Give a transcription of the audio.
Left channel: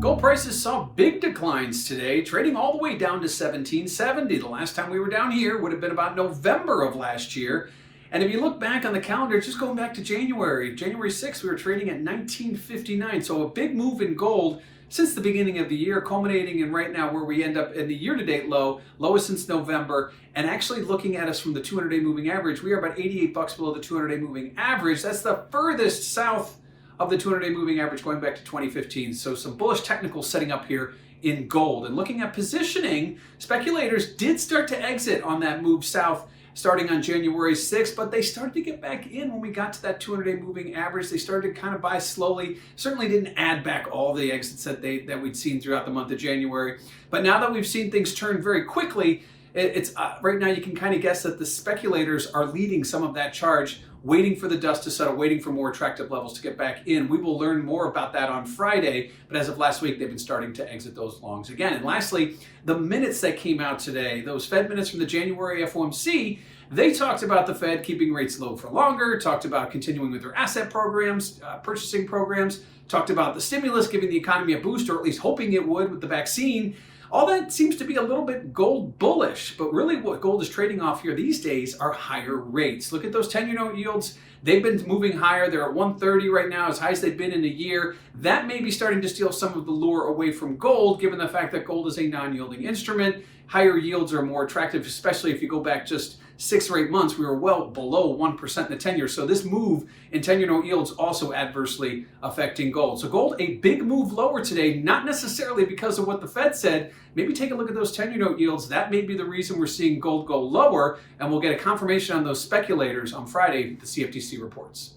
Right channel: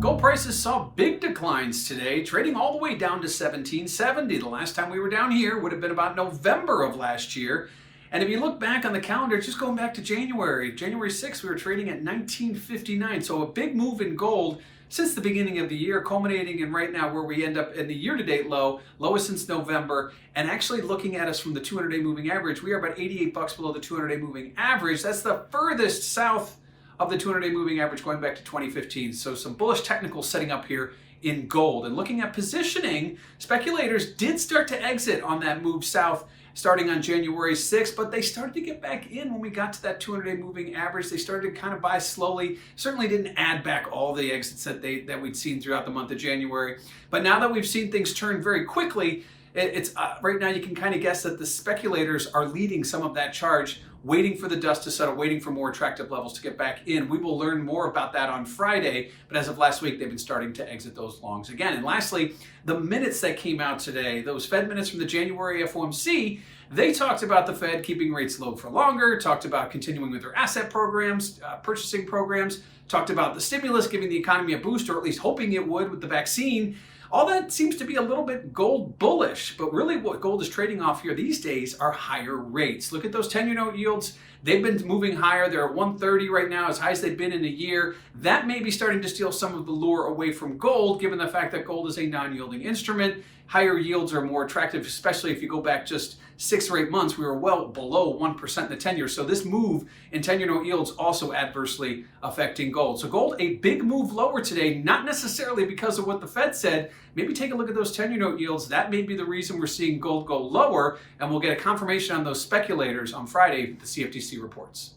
Gold prices saw big declines today, trading all the way down to 1770. The last time we were down here would have been about November of last year. And if you look back on the calendar, just going back to January 6th, we were trading at 1959. So a big move in gold since the beginning of the year, culminating in right now where we end up in the year-to-date lowest since November. And actually looking at us from the 200-day moving average, we are about 88 bucks below the 200-day moving average. That's the furthest south of the 200-day moving average going back to 2015. So some bullish technicals setting up here in gold. And looking at positioning, speculators did start to exit on that move south starting on January 6th, but they started to get back in when we got to that 200-day moving average. They started to kind of buy slowly. Certainly didn't add back all the exits that we'd seen throughout the month of January. But now that we've seen things turn very quickly, it's right now you can kind of guess that the speculators are leading some of that charge, waiting for the dust to settle, waiting for more attractive levels to get back in. We will learn more about that on Friday, but as of last week, they've been starting to exit those longs again. And lastly, the minutes that came out today, those Fed minutes from the January FOMC, they talked about the Fed keeping rates low for longer, talked about continuing with their asset programs, purchasing programs, talked about the stimulus giving the economy a boost, or at least hoping it would with the vaccine. All that seems to be a little bit gold bullish, but really what gold is trading off here these days are higher rates. Look at those 10-year note yields. They've been moving higher. They're at 130 right now, as high as they've been in a year. That may be starting to steal some of the lure away from gold, given the fact that gold is a non-yielding instrument. Higher yields are more attractive, especially if you go back just 6 or 8 months. We were well below 1% in the 10-year. So this move in 10-year note yields also adversely affecting gold. So gold, a big move lower today, not necessarily because of what the Fed said. Maybe take a look at those 10-year note yields. That may be the reason we're seeing gold go lower, and we'll get a confirmation on those speculators on Friday, the CFTC reports.